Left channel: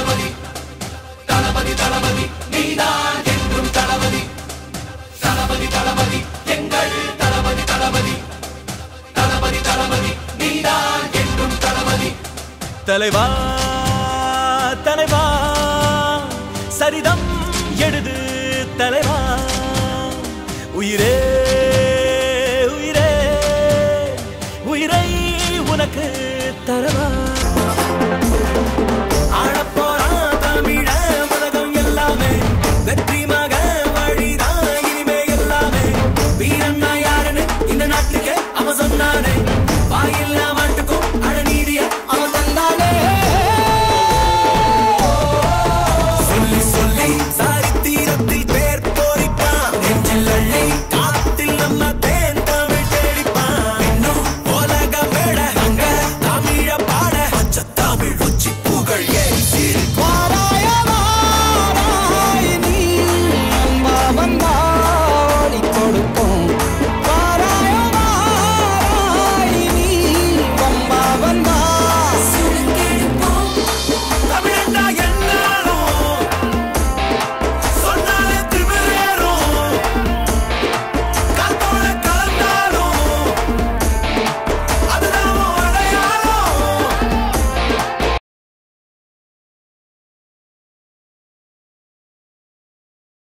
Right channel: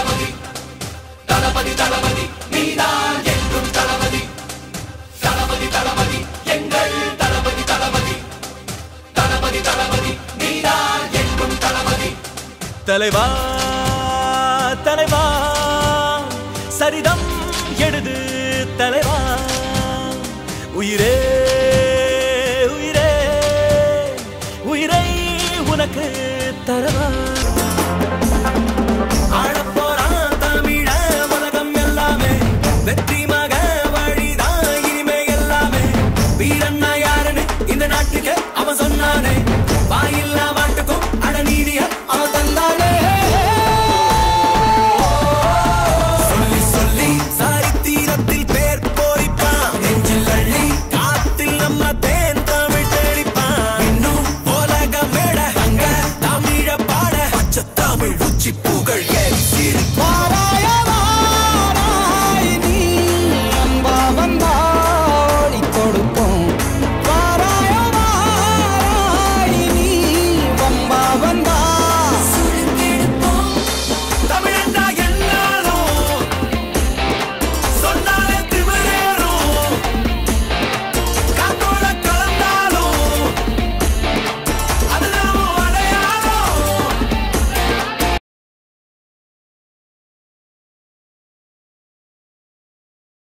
தளபதி தளபதி தளபதி நீதான் என்றும் தளபதி தளபதி தளபதி எங்கள் தளபதி தளபதி தளபதி தளபதி நீதான் என்றும் தளபதி தலைவா தலைவா சரிதம் எழுது தலைவா உயிரே உயிரே உயிரை உனக்கு தரவா ஆடப்போறான் தமிழ உலகம் எல்லாமே வெற்றி மக வழிதான் இனிமே எல்லாமே வீரண்ணா யாருன்னு இந்த நாட்டுக்கு அவன் சொன்னானே வாயில்லா மாட்டுக்கும் அட நீதிய அவன் தந்தானே சொல்லி சொல்லி சரித்திரத்தில் பேர் போரிப்பான் நெஞ்சில் அள்ளி காத்தில் நம்ம தேன் தமிழ் தேடிப்பான் இன்னும் உலக மேட அங்க தமிழ பாட பச்சை தமிழ்